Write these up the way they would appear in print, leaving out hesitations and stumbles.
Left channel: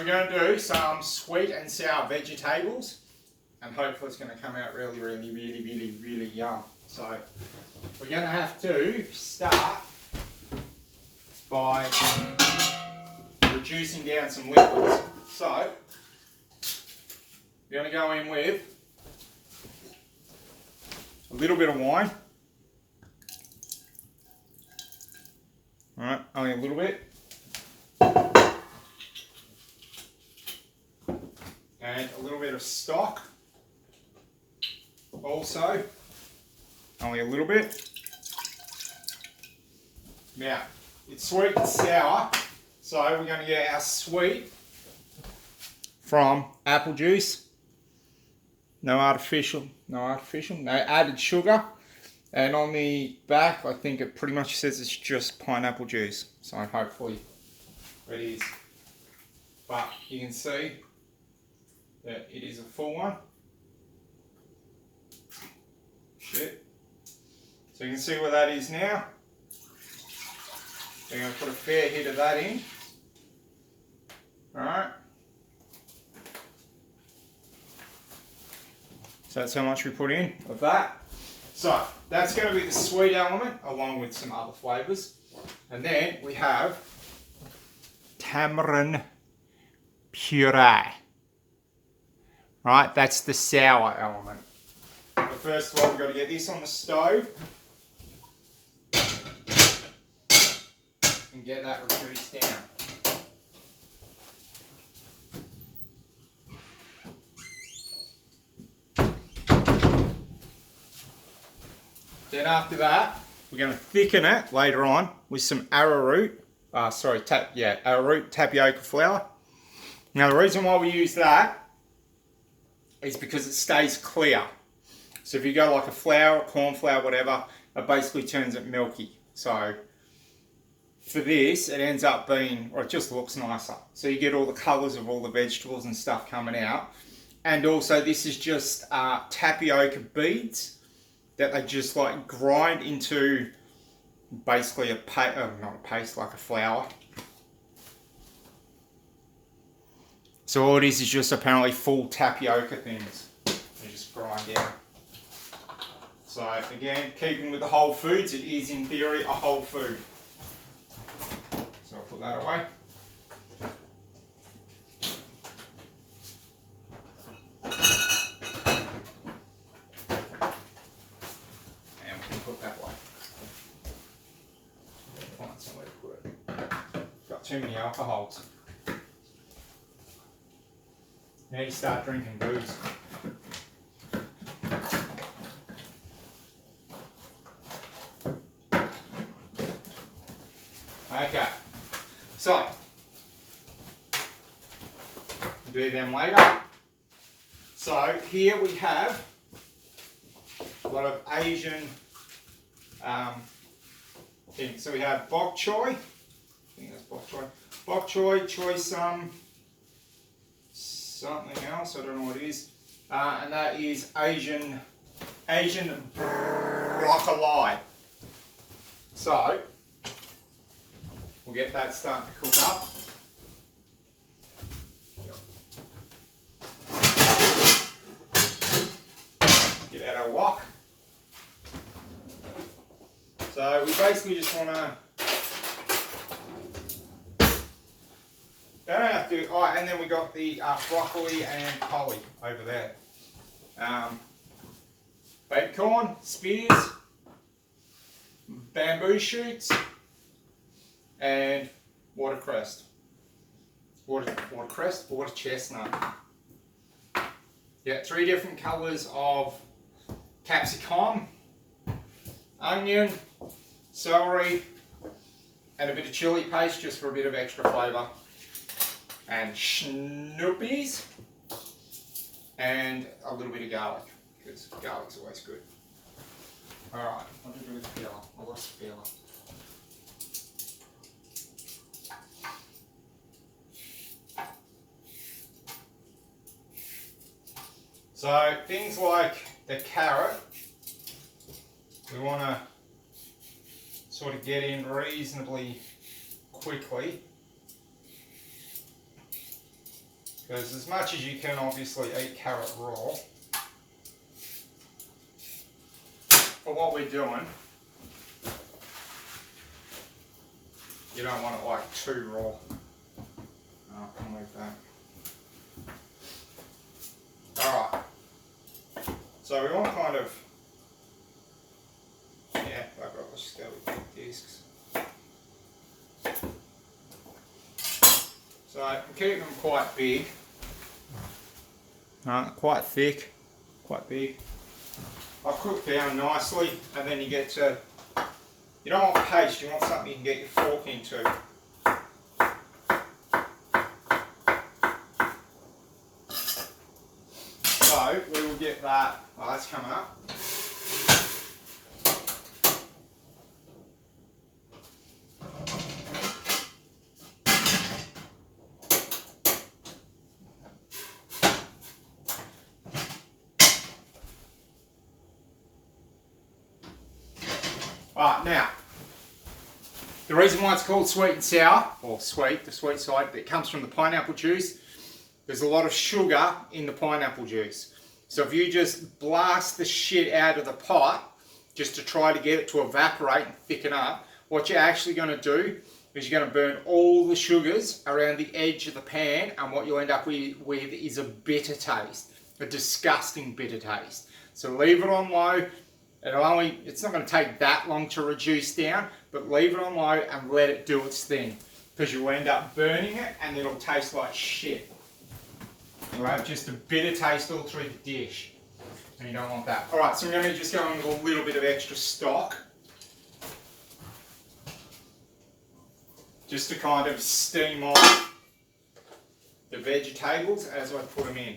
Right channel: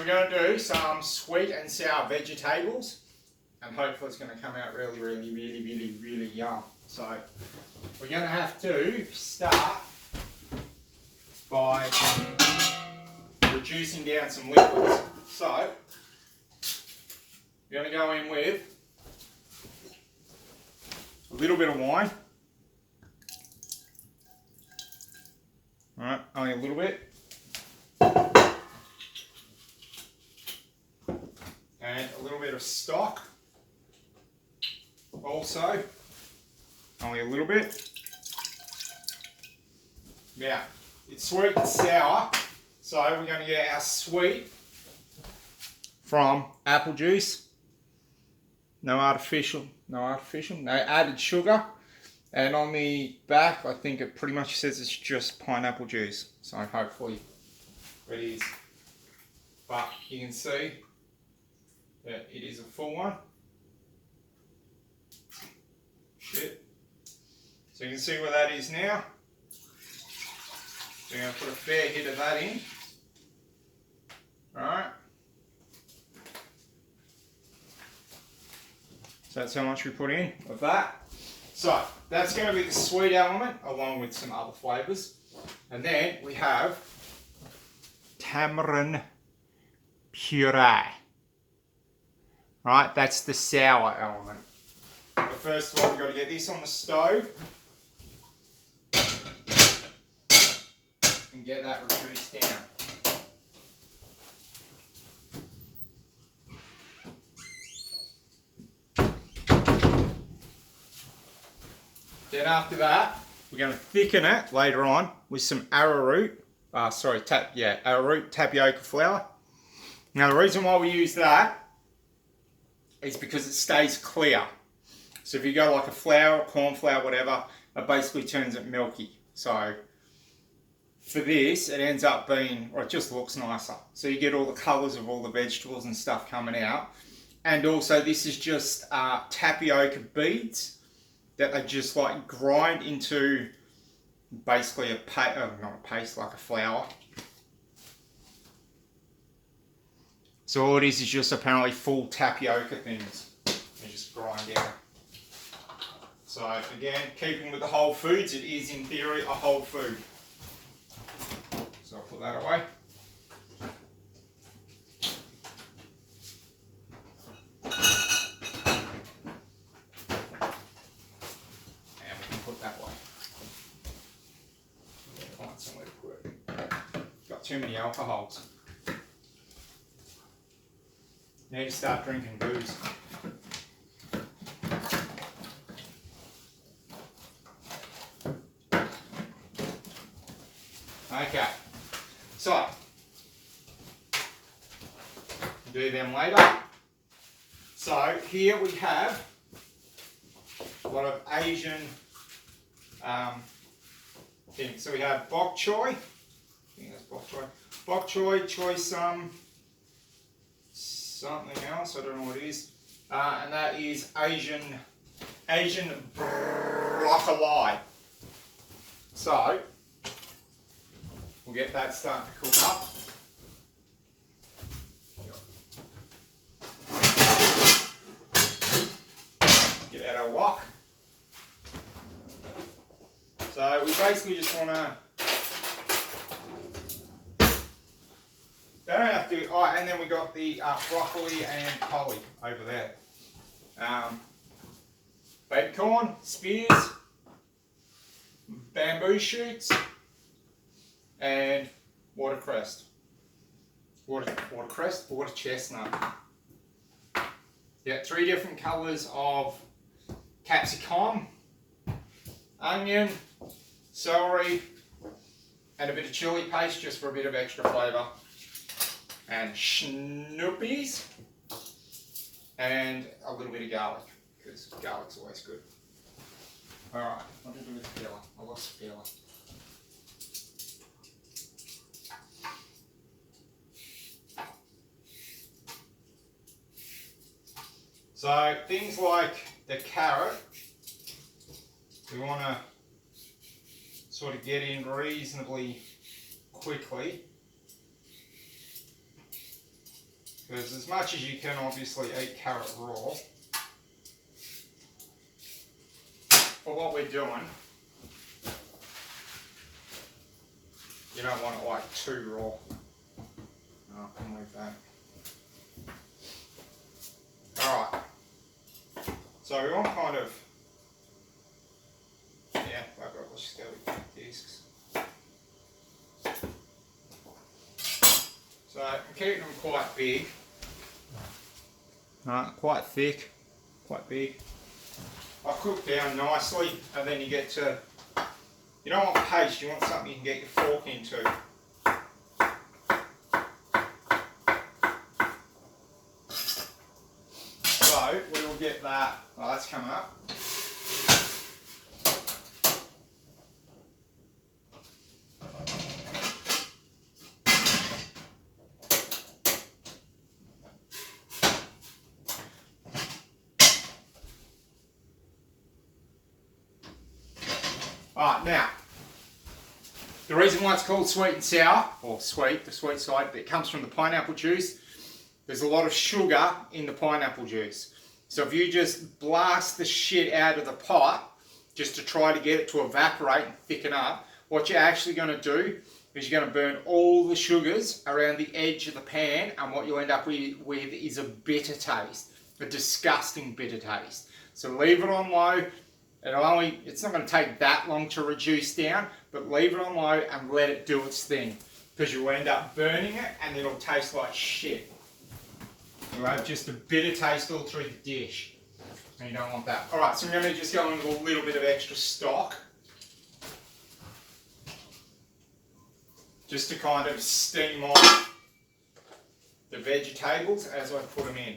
we're going to do some sweet and sour vegetables, and hopefully it's going to come out really yum. So we're going to have to start by reducing down some liquids. So we're going to go in with a little bit of wine. Alright, only a little bit. And a little bit of stock. Also, only a little bit. Now, it's sweet and sour, so we're going to get our sweet from apple juice. No artificial, no added sugar. And on the back, I think it pretty much says it's just pineapple juice. So hopefully it is. But you can see that it is a full one. Shit. So you can see where that is now. We're going to put a fair hit of that in. Alright. So that's how much we put in of that. So that's going to be the sweet element along with some other flavours. And then we have tamarind puree. Right, that's the sour element. But first of all, we've got to get this on the stove and get that reduced down. Then after that, we're going to thicken it later on with some arrowroot, arrowroot tapioca flour. Now the reason why we use that is because it stays clear. So if you go like a flour, corn flour, whatever, it basically turns it milky. So for this, it ends up being, or it just looks nicer. So you get all the colours of all the vegetables and stuff coming out. And also this is just tapioca beads that they just like grind into basically not a paste, like a flour. So all it is just apparently full tapioca things. You just grind out. So again, keeping with the whole foods, it is in theory a whole food. So I'll put that away. And we can put that away. Find somewhere to put it. Got too many alcohols. Need to start drinking booze. Okay, so do them later. So here we have a lot of Asian things. So we have bok choy. I think that's bok choy. Bok choy, choy sum, something else. I don't know what it is. And that is Asian broccoli. So we'll get that starting to cook up. Get out our wok. So we basically just want to, they don't have to, oh, and then we got the broccoli and collie over there. Baby corn, spears, bamboo shoots, and watercress. Water chestnut. Yeah, 3 different colours of capsicum, onion, celery, and a bit of chilli paste just for a bit of extra flavour. And schnoopies, and a little bit of garlic, because garlic's always good. Alright, what did I do with the peeler? I lost the peeler. So things like the carrot, we want to sort of get in reasonably quickly. Because as much as you can obviously eat carrot raw, for what we're doing, you don't want it like too raw. Oh, I'll move that. Alright. So we want kind of, yeah, let's just go with discs. So I'm keeping them quite big. Quite thick, quite big. I'll cook down nicely, and then you get to, you don't want paste, you want something you can get your fork into. So we will get that, oh that's coming up. Alright, now, the reason why it's called sweet and sour, or sweet, the sweet side, it comes from the pineapple juice. There's a lot of sugar in the pineapple juice. So if you just blast the shit out of the pot, just to try to get it to evaporate and thicken up, what you're actually going to do is you're going to burn all the sugars around the edge of the pan, and what you'll end up with is a bitter taste, a disgusting bitter taste. So leave it on low. It's not going to take that long to reduce down, but leave it on low and let it do its thing, because you'll end up burning it and it'll taste like shit. You'll have just a bitter taste all through the dish, and you don't want that. Alright, so I'm going to just go in with a little bit of extra stock, just to kind of steam off the vegetables as I put them in.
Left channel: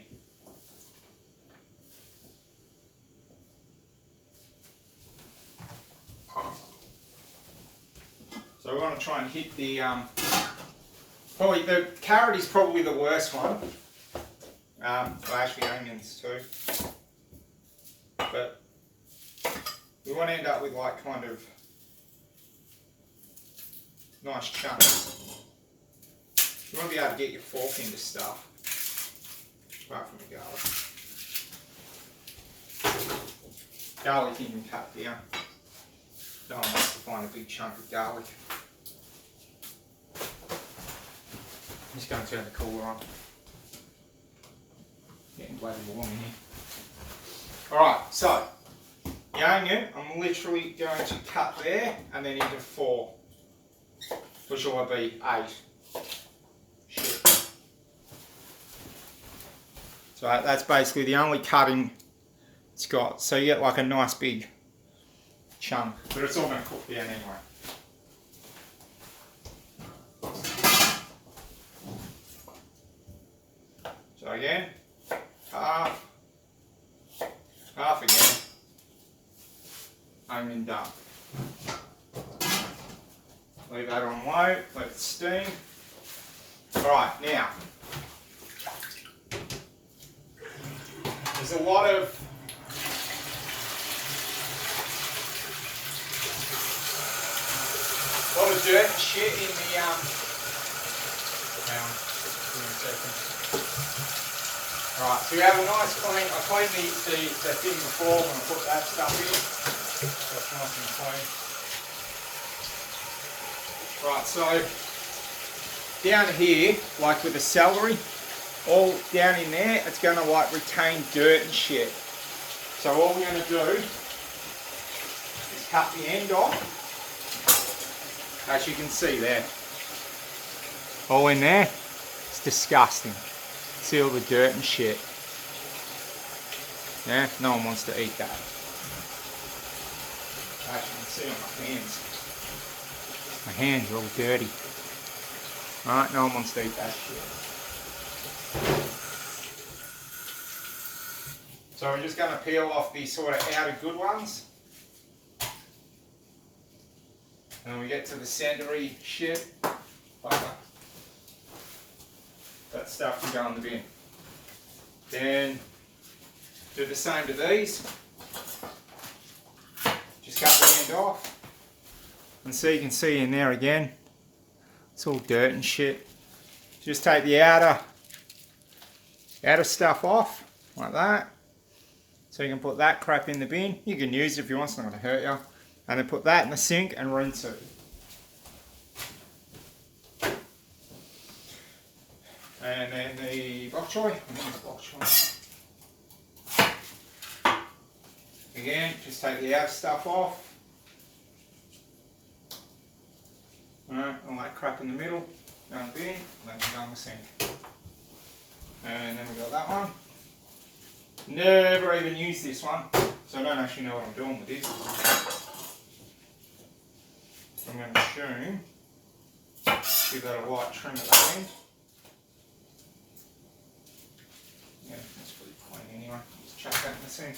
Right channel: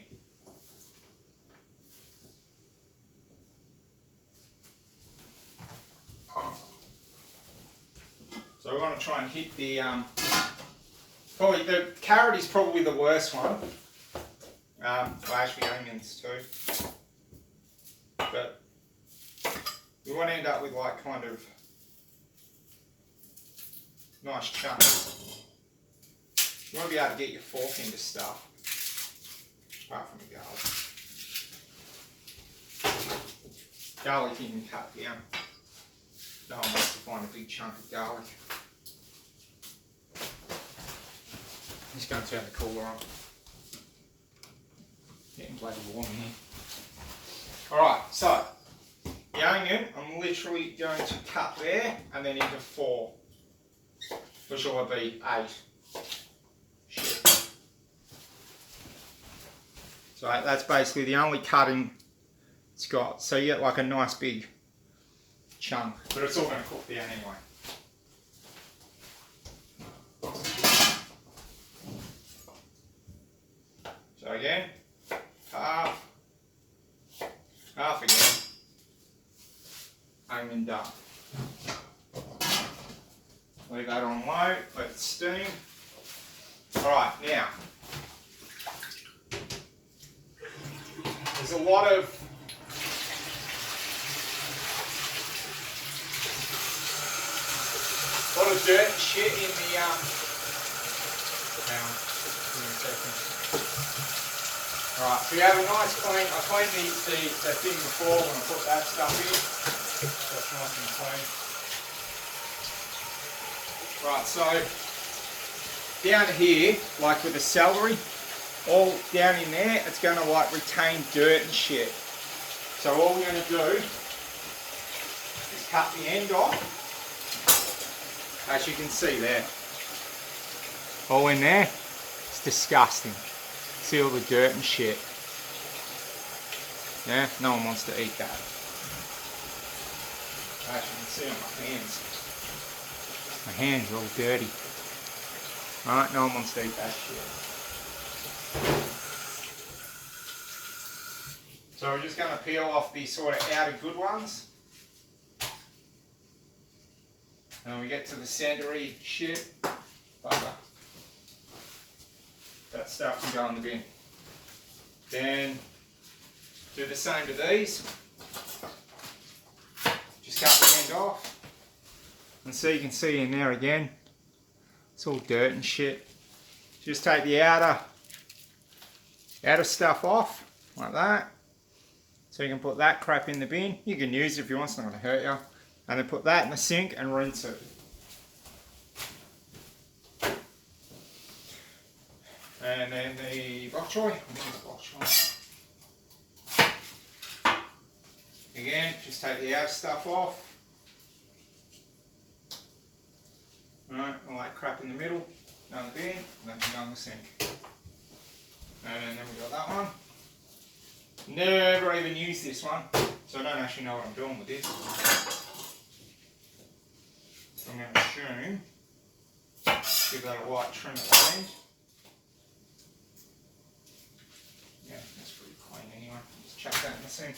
So we want to try and hit the, probably the carrot is probably the worst one. Well, actually onions too. But we want to end up with like kind of nice chunks. You want to be able to get your fork into stuff, apart from the garlic. Garlic you can cut down. No one wants to find a big chunk of garlic. I'm just going to turn the cooler on. Getting bloody warm in here. Alright, so the onion I'm literally going to cut there and then into 4, which will be 8. Shit. So that's basically the only cutting it's got. So you get like a nice big chunk, but it's all going to cook down anyway. So again, half again, onion done. Leave that on low, let it steam. Alright, now, there's a lot of dirt and shit in the hang on, give me a second. Right, so we have a nice clean, I cleaned the thing before when I put that stuff in, so it's nice and clean. Right, so down here, like with the celery, all down in there, it's going to like retain dirt and shit. So all we're going to do is cut the end off. As you can see there, all in there, it's disgusting. See all the dirt and shit. Yeah, no one wants to eat that. As you can see on my hands. My hands are all dirty. Right, no one wants to eat that shit. So we're just going to peel off the sort of outer good ones. And we get to the centery shit, bugger. That stuff can go in the bin. Then do the same to these. Just cut the end off. And so you can see in there again, it's all dirt and shit. Just take the outer outer stuff off, like that. So you can put that crap in the bin. You can use it if you want, it's not going to hurt you. And then put that in the sink and rinse it. And then the bok choy. Again, just take the outer stuff off. Alright, all that crap in the middle. Go in the bin, then go in the sink. And then we got that one. Never even used this one, so I don't actually know what I'm doing with this. I'm going to assume, give that a light trim at the end. Yeah, that's pretty clean anyway. Just chuck that in the sink.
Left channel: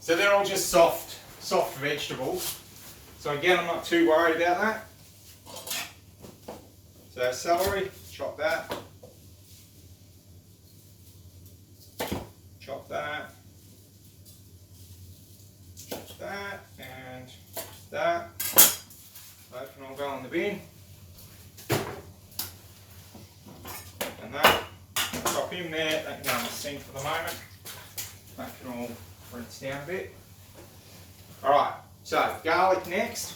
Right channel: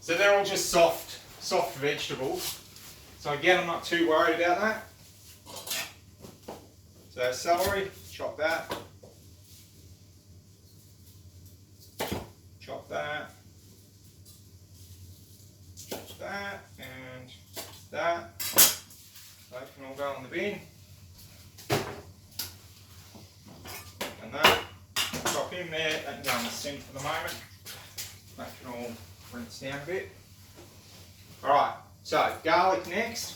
So they're all just soft vegetables. So again, I'm not too worried about that. So celery, chop that. Chop that. Chop that and that. That can all go in the bin. And that. Chop in there. That can go in the sink for the moment. That can all rinse down a bit. Alright, so garlic next.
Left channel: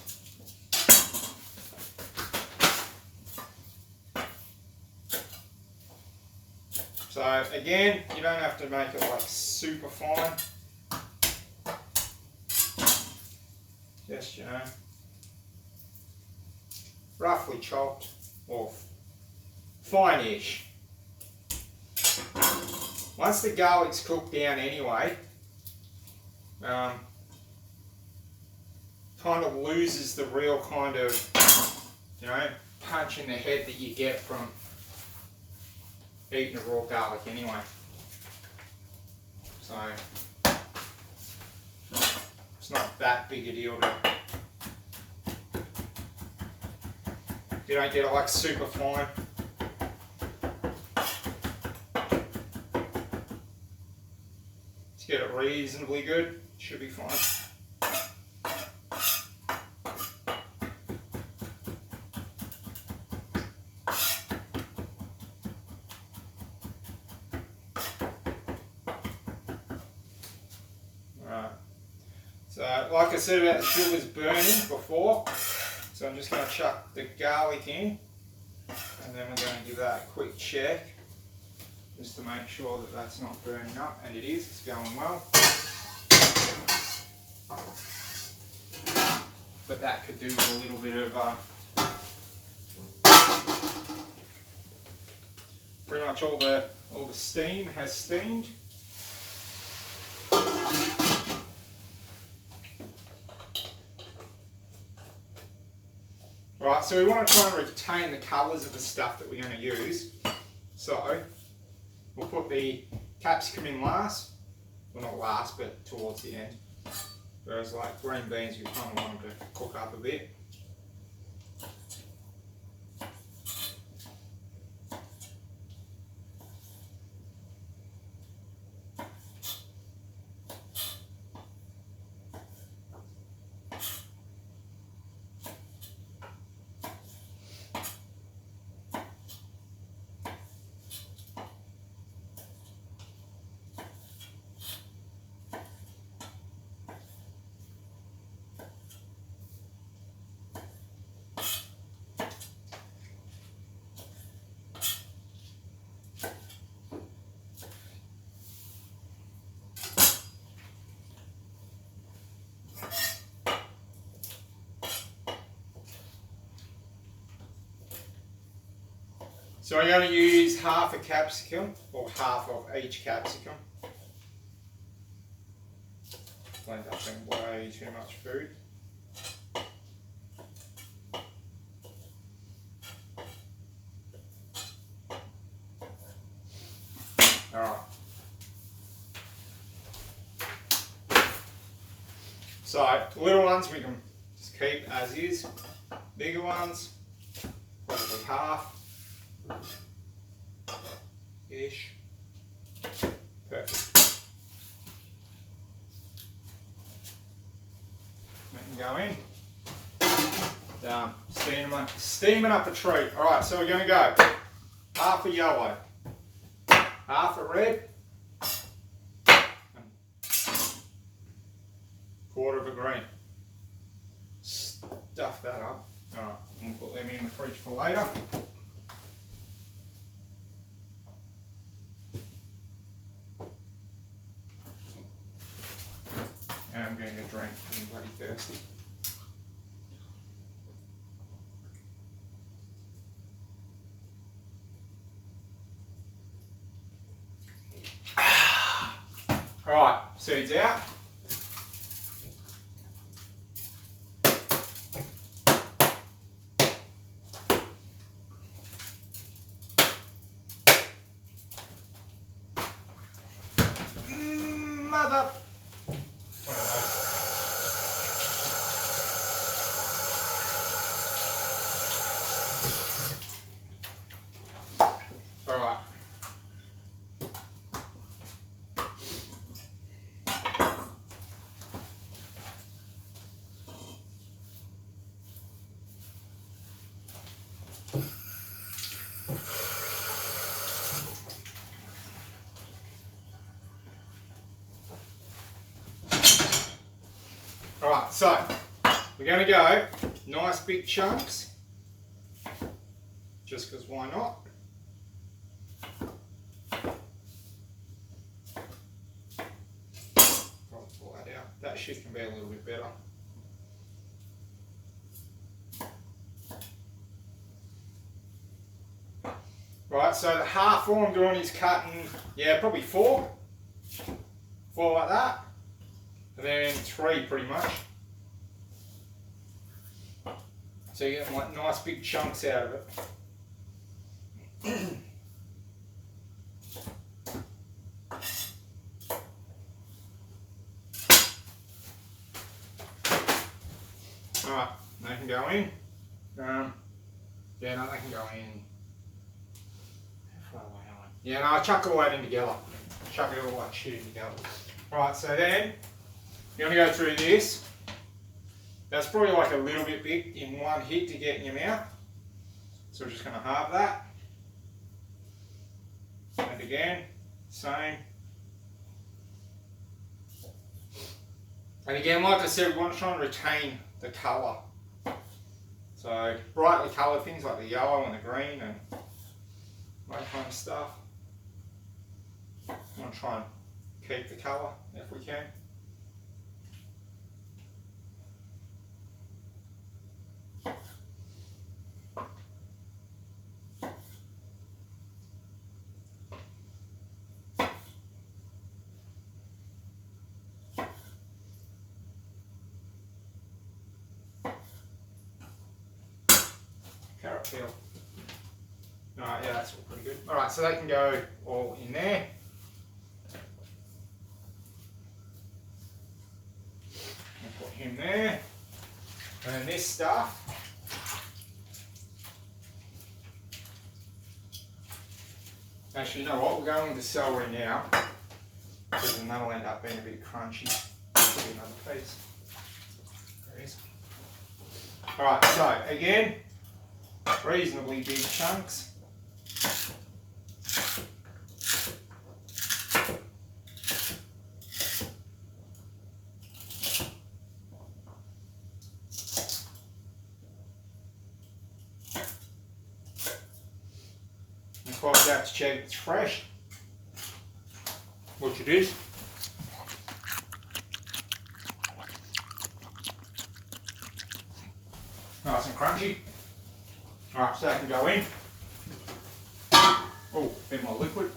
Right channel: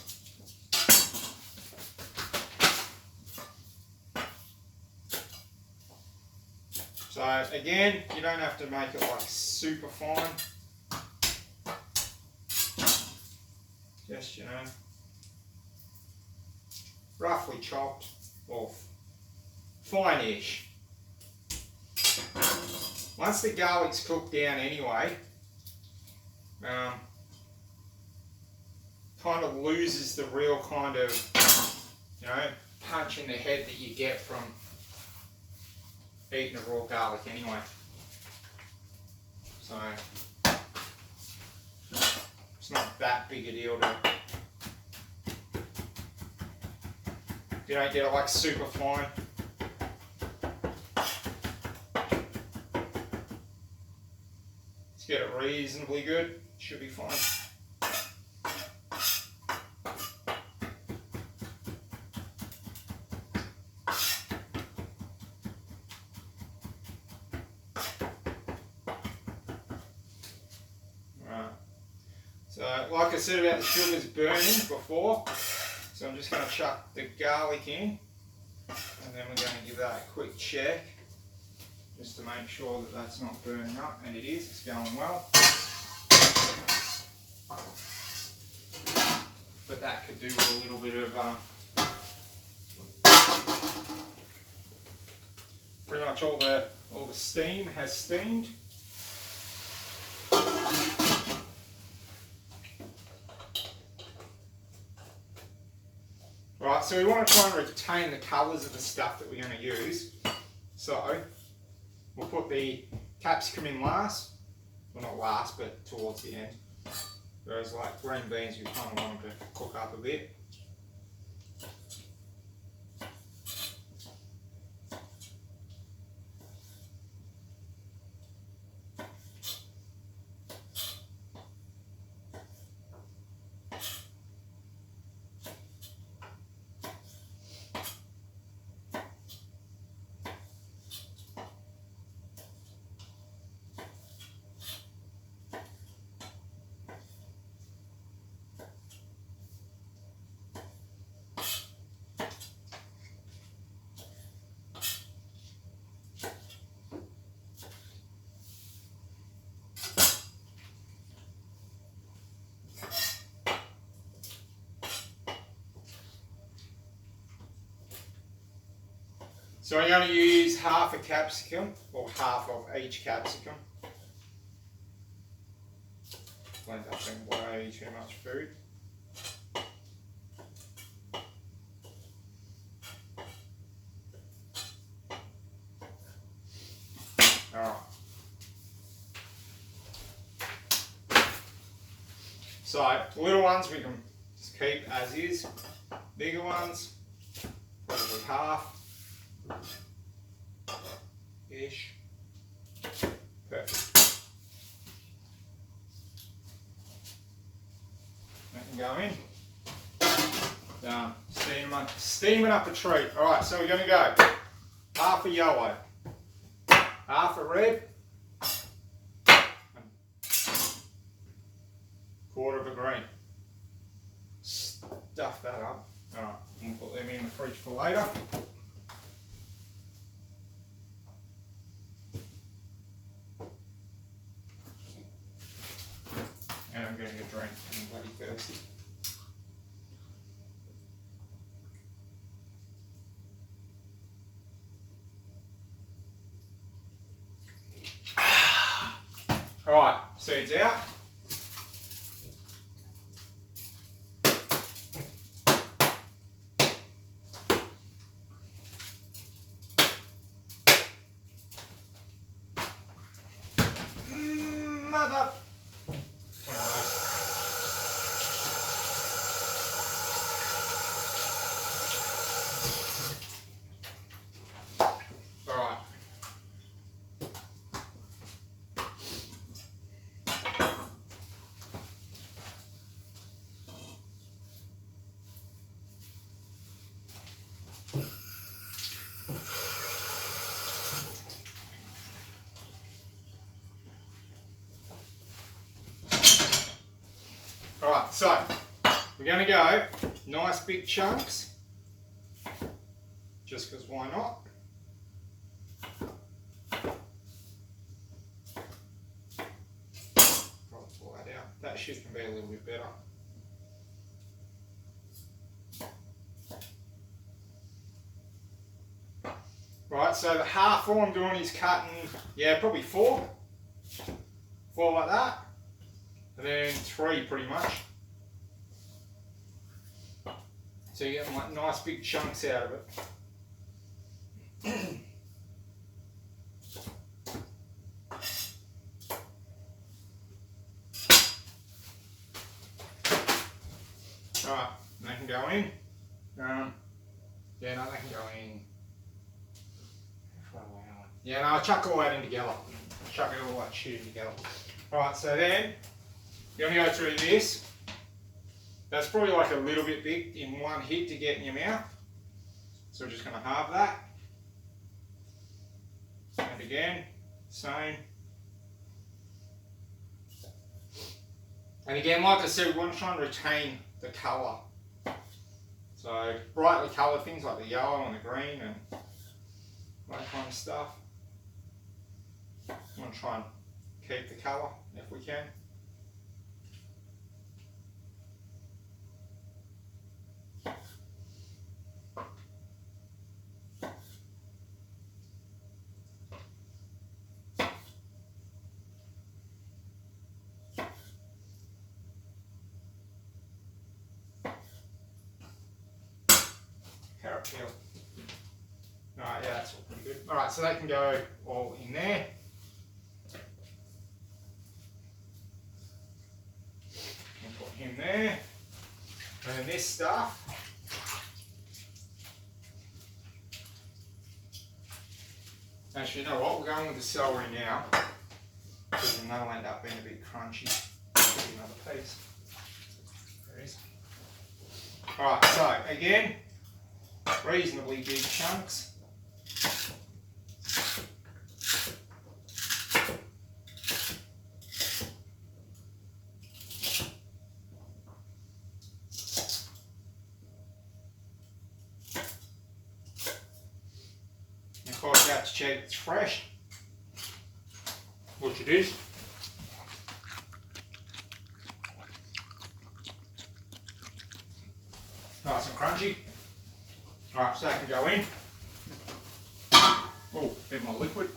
So again, you don't have to make it like super fine. Just, you know, roughly chopped or fine-ish. Once the garlic's cooked down anyway, kind of loses the real kind of, you know, punch in the head that you get from eating a raw garlic anyway. So it's not that big a deal to, if you don't get it like super fine. Just get it reasonably good, should be fine. So, like I said about the sugars burning before, so I'm just going to chuck the garlic in, and then we're going to give that a quick check, just to make sure that that's not burning up, and it is, it's going well. But that could do with a little bit of, pretty much all the steam has steamed. Right, so we want to try and retain the colours of the stuff that we're going to use. So, we'll put the capsicum in last. Well, not last, but towards the end. Whereas like green beans, we kind of want them to cook up a bit. So I'm going to use half a capsicum, or half of each capsicum. I end up being way too much food. Alright. So, the little ones we can just keep as is. Bigger ones, probably half. Ish. Perfect. Let them go in. Done. Steaming up a treat. Alright, so we're going to go half a yellow, half a red, and quarter of a green. Stuff that up. Alright, I'm going to put them in the fridge for later. And I'm getting a drink, I'm bloody thirsty. Alright, seeds out. Mother. Alright. Alright, so we're going to go nice big chunks, just because why not? I'll pull that out. That shit can be a little bit better. Right, so the half all I'm doing is cutting, yeah, probably four like that. And then three pretty much. So you get like nice big chunks out of it. Alright, they can go in. Yeah, no, they can go in. How far away are they? Yeah, no, I'll chuck all that in together. Chuck it all like shit in together. Alright, so then you're going to go through this. That's probably like a little bit big in one hit to get in your mouth. So we're just going to halve that. And again, same. And again, like I said, we want to try and retain the colour. So brightly coloured things like the yellow and the green and that kind of stuff. We want to try and keep the colour if we can. Carrot peel. Alright, yeah, that's all pretty good. Alright, so they can go all in there. And put him there. And then this stuff. Actually, you know what? We're going with the celery now. Because then that'll end up being a bit crunchy. Put another piece. There it is. Alright, so again, reasonably big chunks. And of course, you have to check it's fresh, which it is. Nice and crunchy. Alright, so that can go in. Oh, a bit more liquid.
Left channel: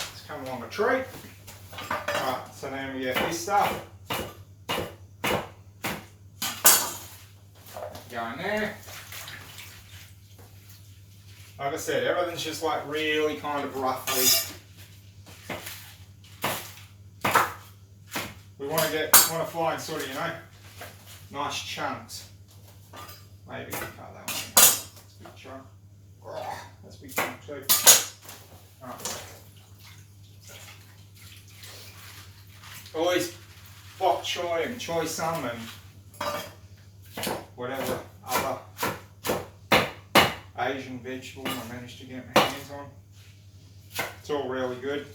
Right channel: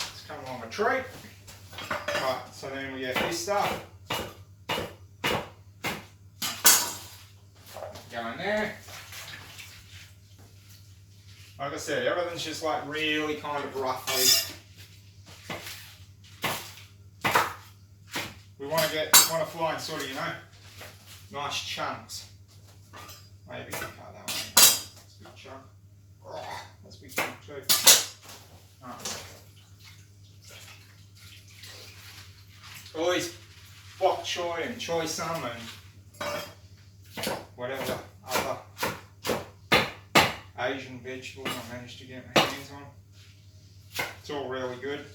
It's come along a treat. Alright, so then we get this stuff. Go in there. Like I said, everything's just like really kind of roughly. We want to fly in sort of, you know, nice chunks. Maybe cut that one. That's a big chunk. Oh, that's a big chunk too. Right. Always bok choy and choy sum and whatever other Asian vegetable I managed to get my hands on. It's all really good.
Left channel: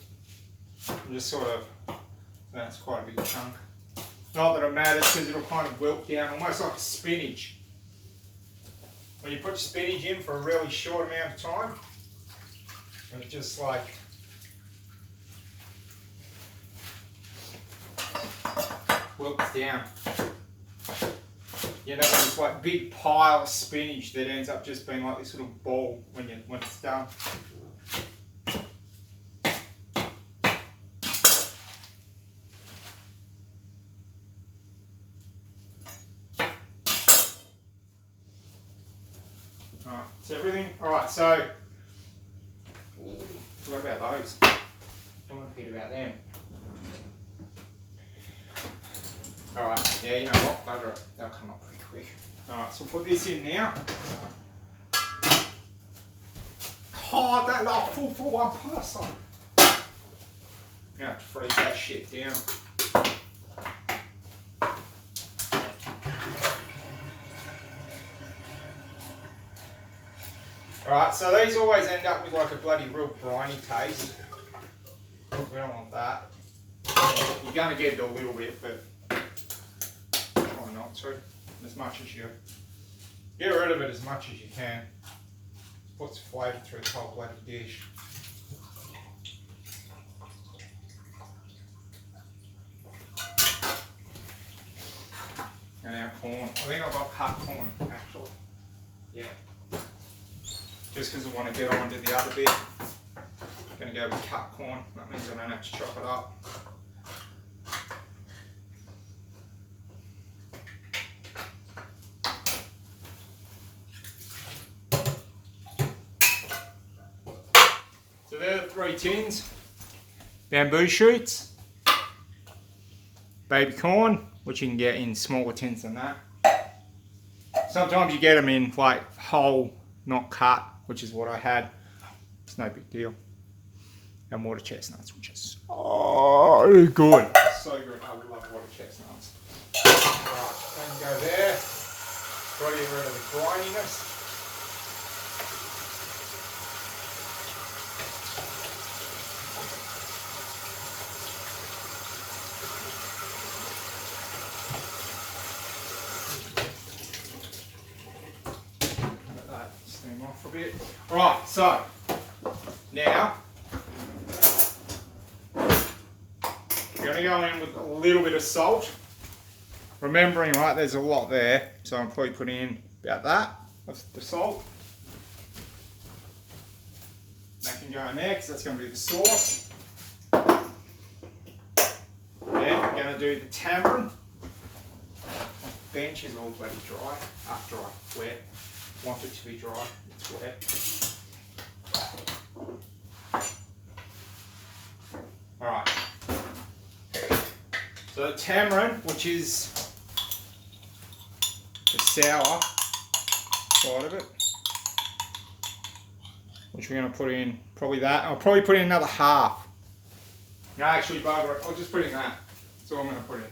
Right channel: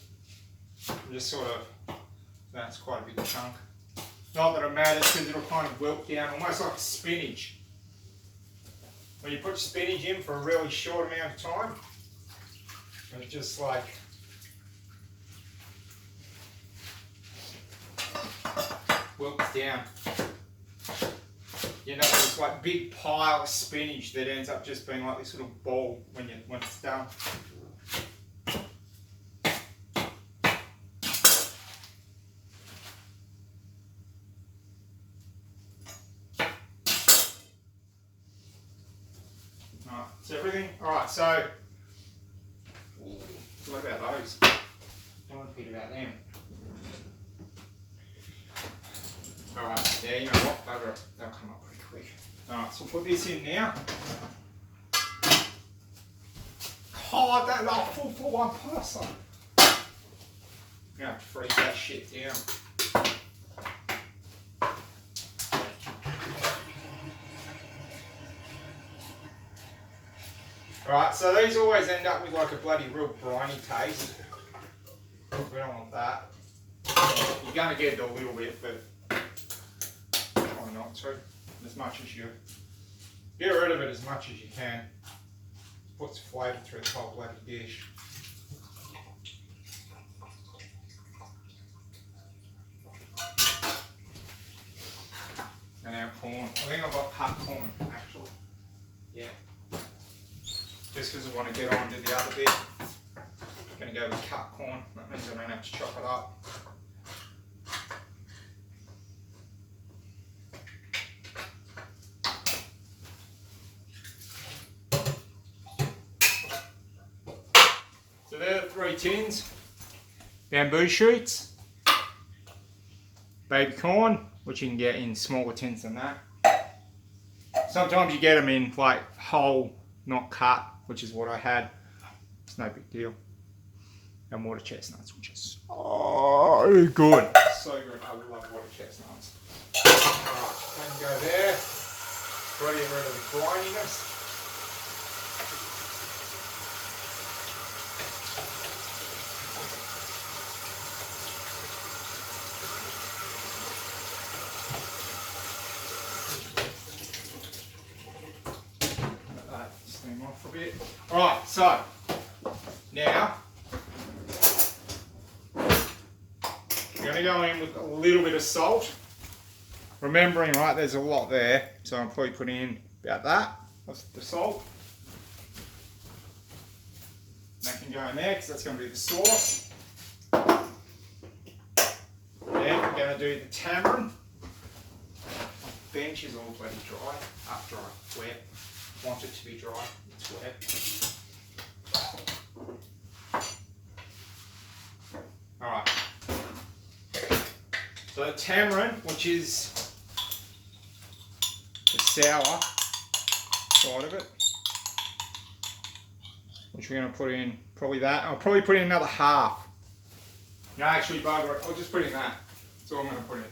I'm just sort of, that's quite a big chunk. Not that it matters because it'll kind of wilt down, almost like spinach. When you put spinach in for a really short amount of time, it just like wilts down. You know, this like big pile of spinach that ends up just being like this little ball when it's done. Alright, so everything. Alright, so what about those? I want to repeat about them. Alright, yeah, you know what, bugger it, they'll come up pretty quick. Alright, so we'll put this in now. Oh, that like full for one person. I'm gonna have to freeze that shit down. Alright, so these always end up with like a bloody real briny taste. We don't want that. We're going to get it a little bit, but why not? So, as much as you get rid of it as much as you can. Puts flavour through the whole bloody dish. And our corn. I think I've got cut corn actually. Yeah. Just because I want to get on to the other bit. I'm going to go with cut corn. That means I don't have to chop it up. So there are the 3 tins. Bamboo shoots. Baby corn, which you can get in smaller tins than that. Sometimes you get them in like whole, not cut, which is what I had. It's no big deal. And water chestnuts, which is so good. So good. I love water chestnuts. Alright, go there. Try to get rid of the grininess. Let that steam off a bit. Alright, so now we're going to go in with a little bit of salt. Remembering, right, there's a lot there, so I'll probably put in about that of the salt. That can go in there because that's going to be the sauce. Then we're going to do the tamarind. My bench is all bloody dry after I wet. Want it to be dry, it's wet. Alright. So the tamarind, which is the sour side of it, which we're going to put in probably that. I'll probably put in another half. No, actually, bugger it. I'll just put in that. That's all I'm going to put in.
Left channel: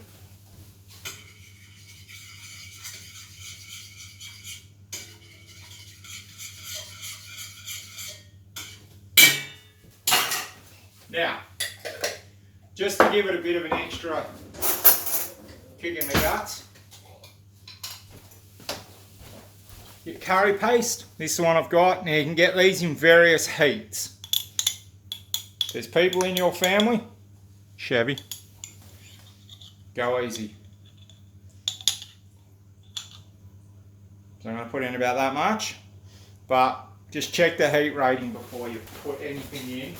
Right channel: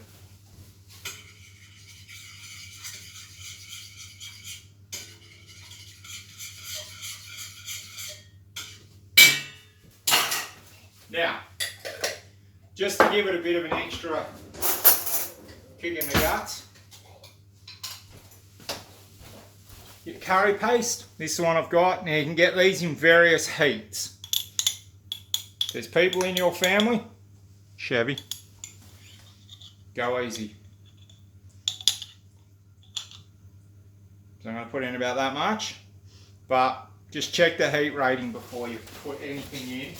Now, just to give it a bit of an extra kick in the guts, your curry paste. This is the one I've got. Now you can get these in various heats. There's people in your family, Chevy, go easy. So I'm going to put in about that much, but just check the heat rating before you put anything in.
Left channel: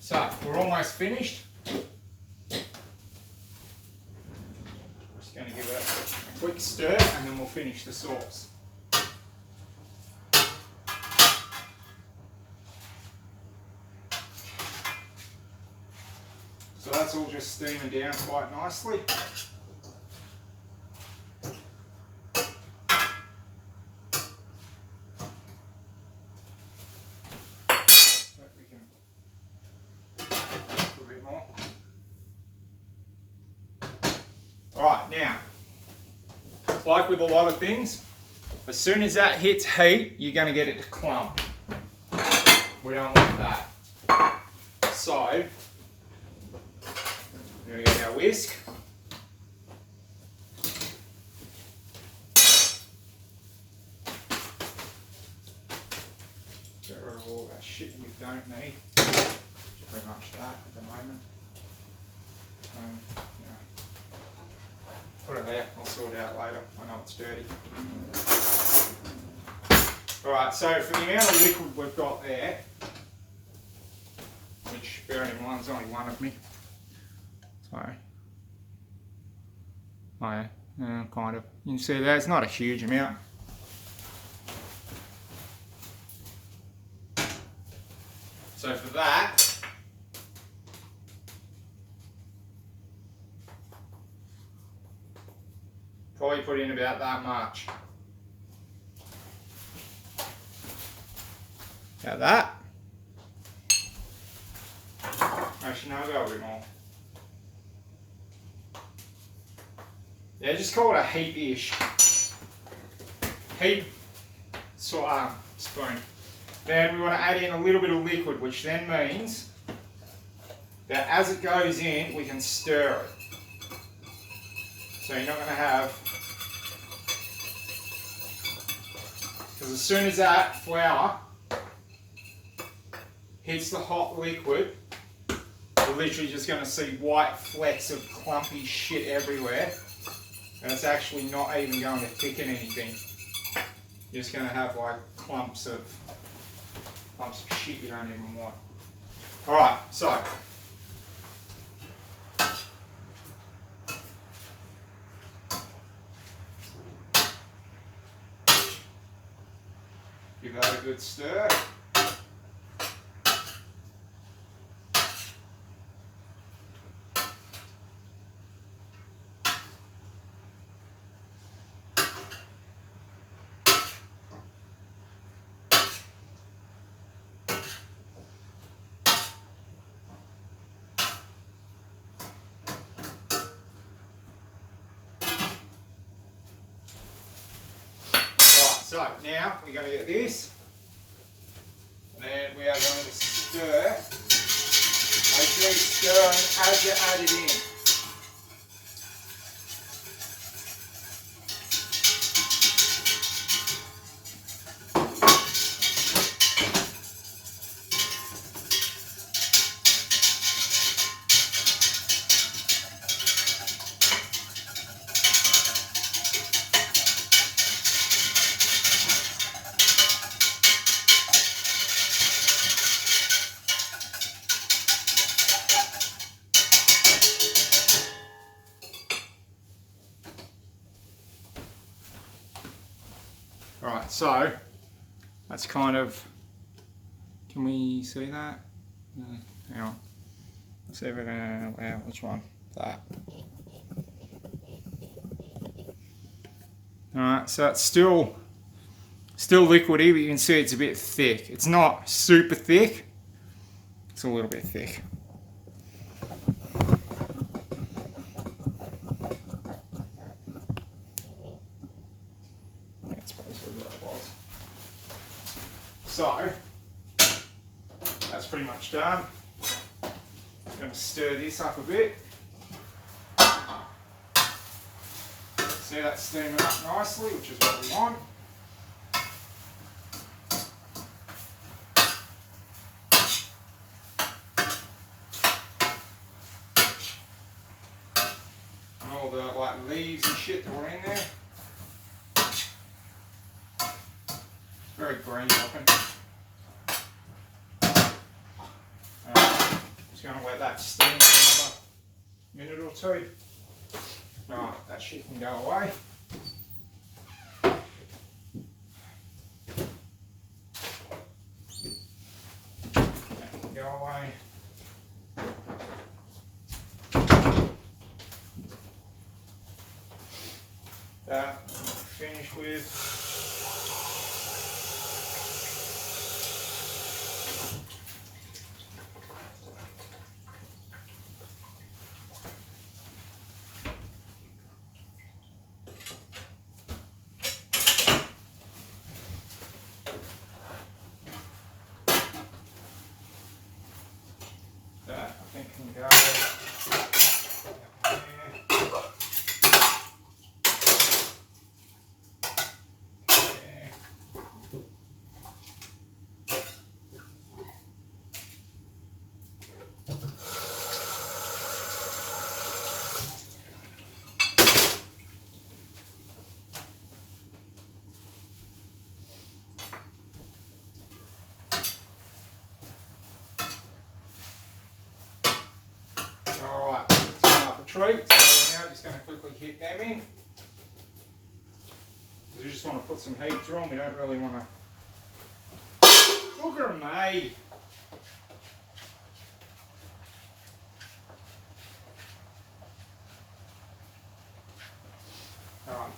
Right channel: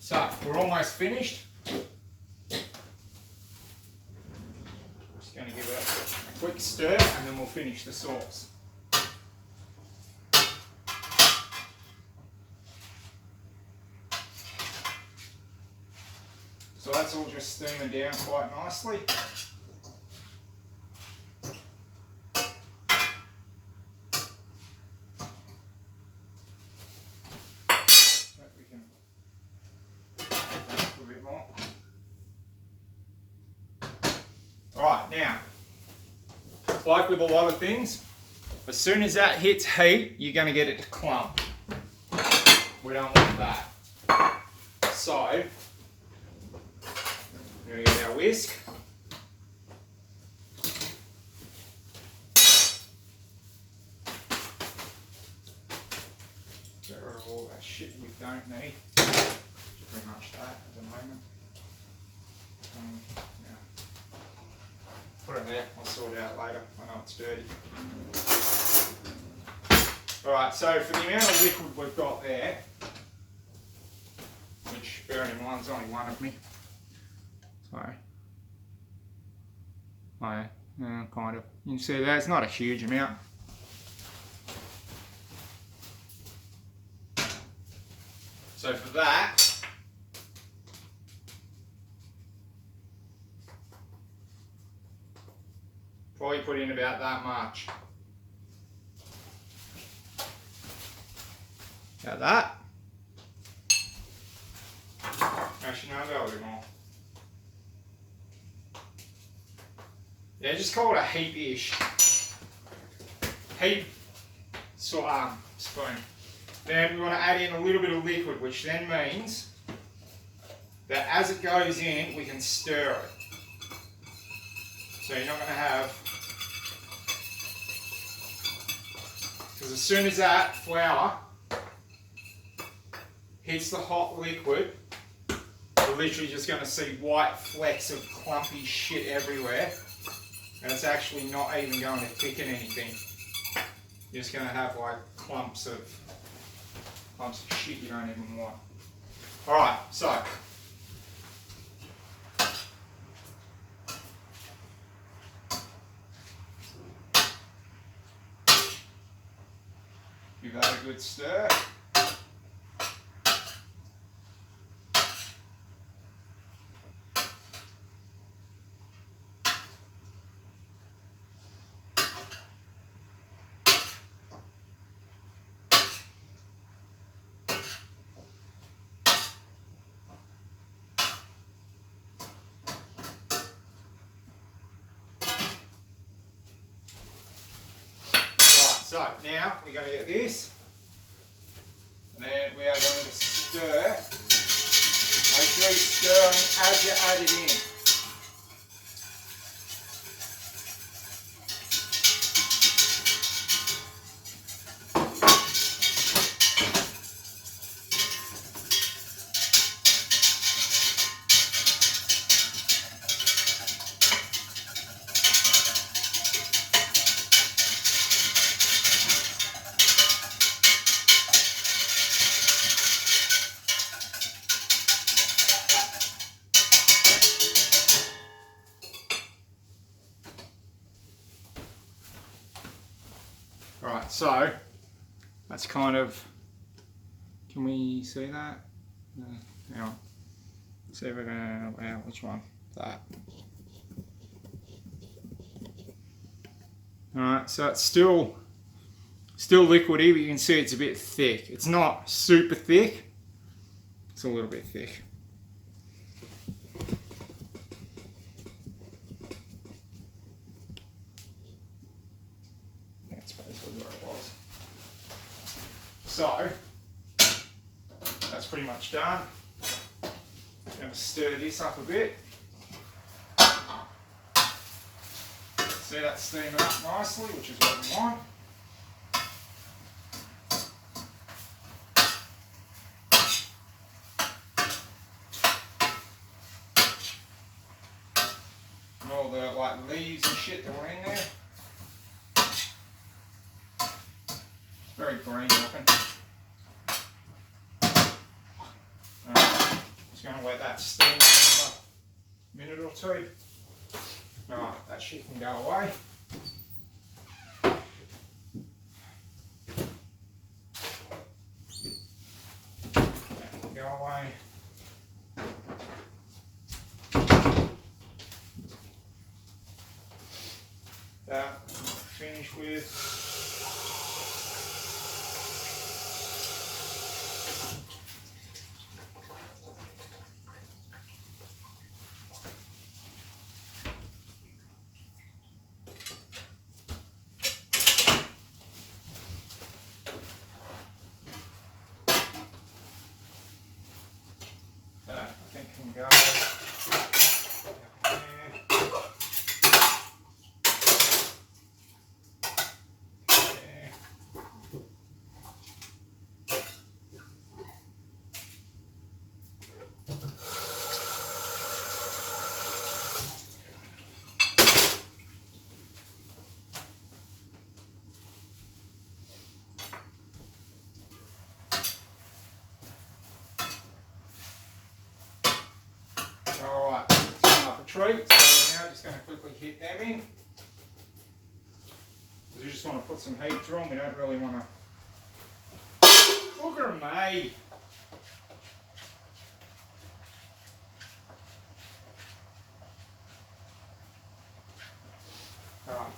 So, we're almost finished. Just going to give it a quick stir and then we'll finish the sauce. steaming down quite nicely. Right, now, like with a lot of things, as soon as that hits heat, you're going to get it to clump. We don't want that. So, we're going to get our whisk. Get rid of all that shit we don't need. Pretty much that at the moment. Yeah. Put it there, I'll sort it out later. I know it's dirty. Alright, so for the amount of liquid we've got there, which bearing in mind is only one of me. Sorry. Oh yeah, kind of. You can see that it's not a huge amount. So for that, probably put in about that much. About that. Actually, no, I'll go a bit more. Yeah, just call it a heap-ish. Heap spoon. Then we want to add in a little bit of liquid, which then means that as it goes in, we can stir it. So you're not going to have, because as soon as that flour hits the hot liquid, you're literally just going to see white flecks of clumpy shit everywhere, and it's actually not even going to thicken anything. You're just going to have like clumps of shit you don't even want. Alright, so give that a good stir. So now we're going to get this, and then we are going to stir. Make sure you stir as you add it in. Right, so that's kind of, can we see that? Hang on. Let's see if we're going to, which one? That. Alright, so it's still liquidy, but you can see it's a bit thick. It's not super thick, it's a little bit thick. So, that's pretty much done. I'm going to stir this up a bit. See that steaming up nicely, which is what we want. And all the leaves and shit that were in there. Very green looking. Just going to let that steam for another minute or two. Alright, that shit can go away. That can go away. that. Finish with. That I think can go. Alright, turn up the treat. So now just going to quickly hit them in. Because we just want to put some heat through them. We don't really want to. Look at them, mate. Alright.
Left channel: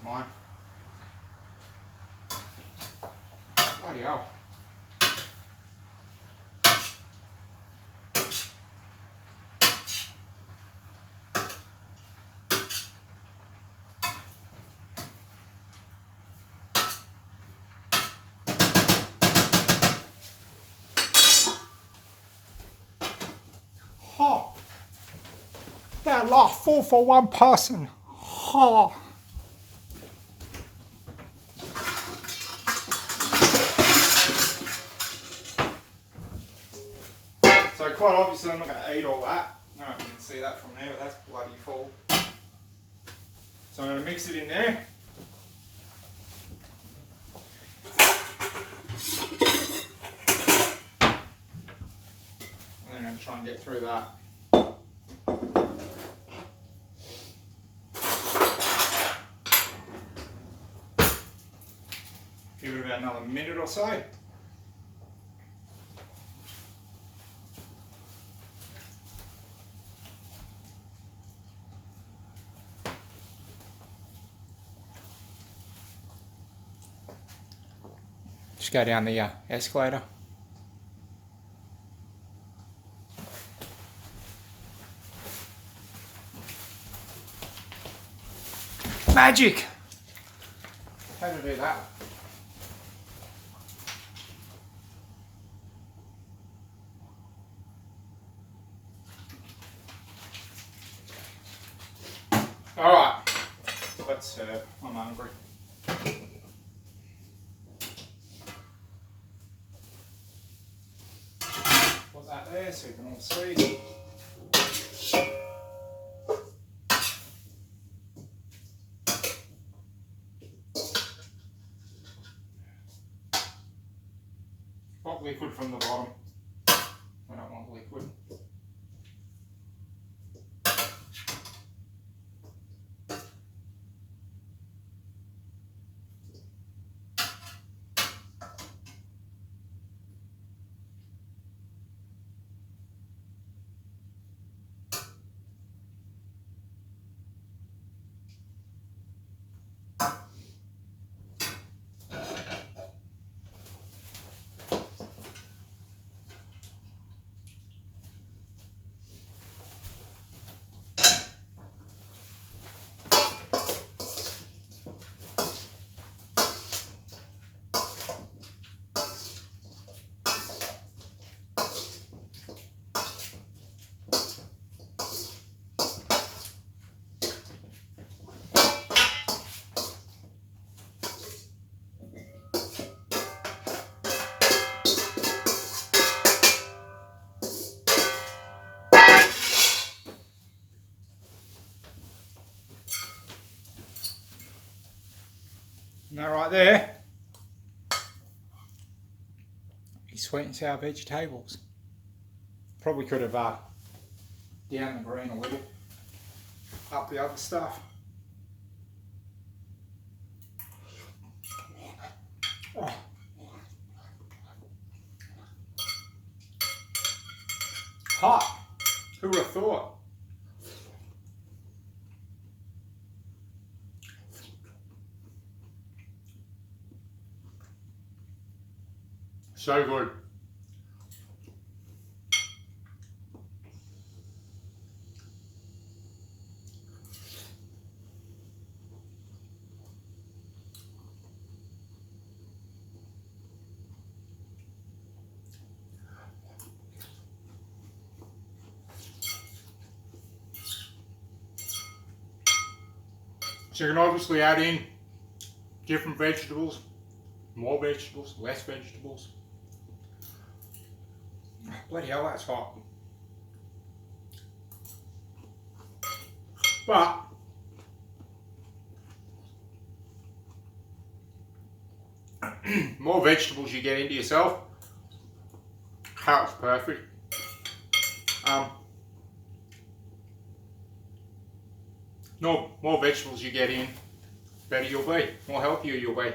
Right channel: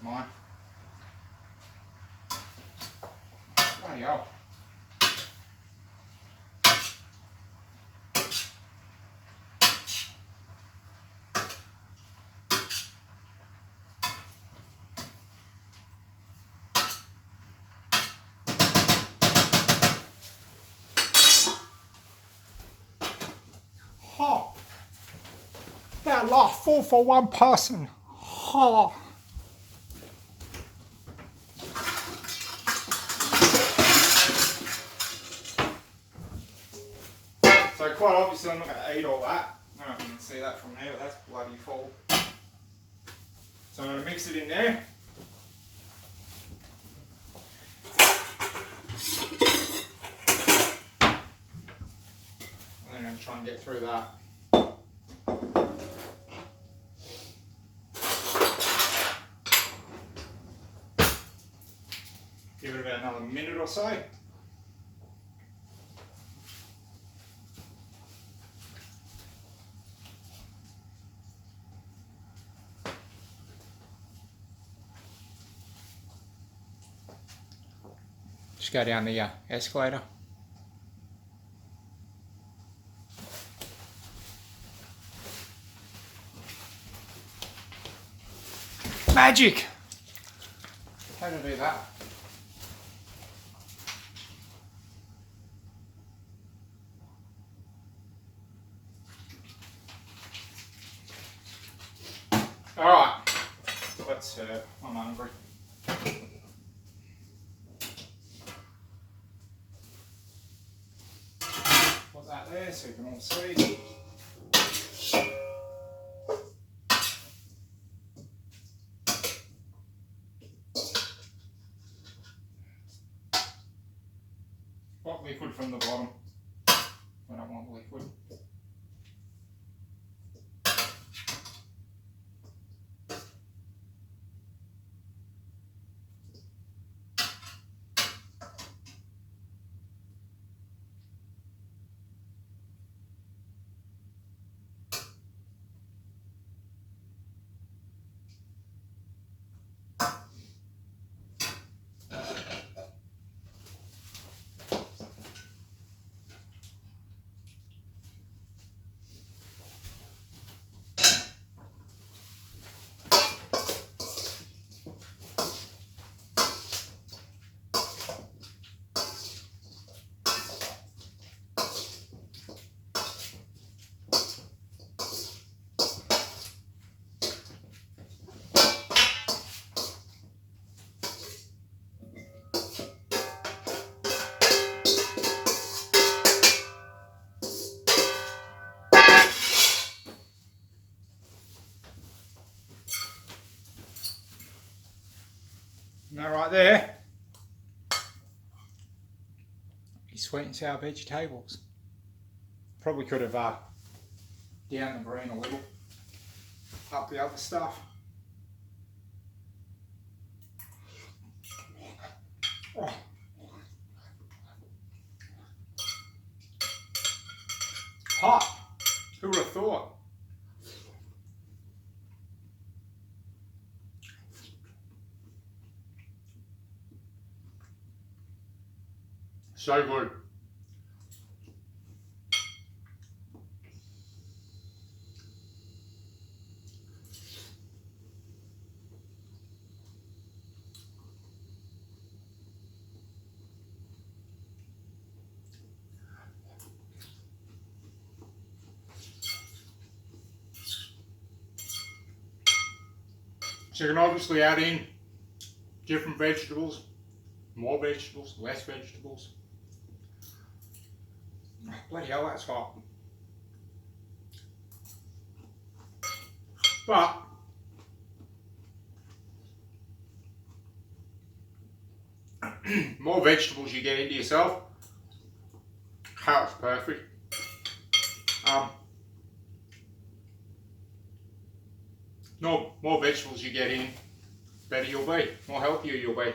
Mine. Bloody hell. Oh, that last 4 for 1 person. Oh. So quite obviously I'm not going to eat all that. I don't know if you can see that from there, but that's bloody full. So I'm going to mix it in there. And then I'm going to try and get through that. Give it about another minute or so. Just go down the escalator. Magic! How to do that? Alright, let's serve. I'm hungry. Put that there so you can all see. Put liquid from the bottom. I don't want liquid. And that right there is sweet and sour vegetables. Probably could have down the green a little, up the other stuff. Oh. Hot. Who would have thought? So good. So you can obviously add in different vegetables, more vegetables, less vegetables. Bloody hell, that's hot. But more vegetables you get into yourself, how it's perfect. More vegetables you get in, better you'll be, more healthier you'll be,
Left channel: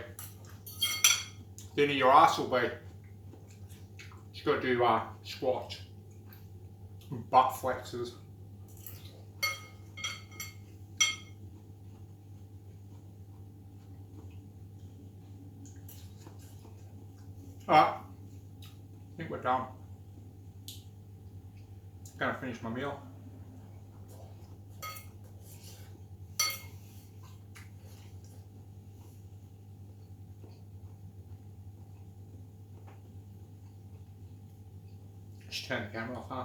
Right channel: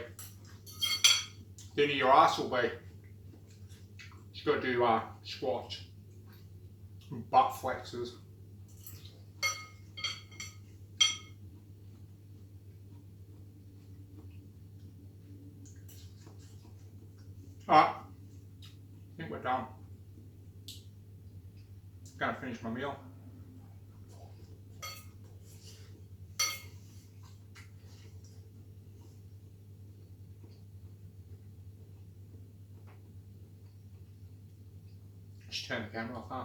thinner your ass will be. You've got to do squats, butt flexes. Alright, I think we're done. Gonna finish my meal. Just turn the camera off, huh?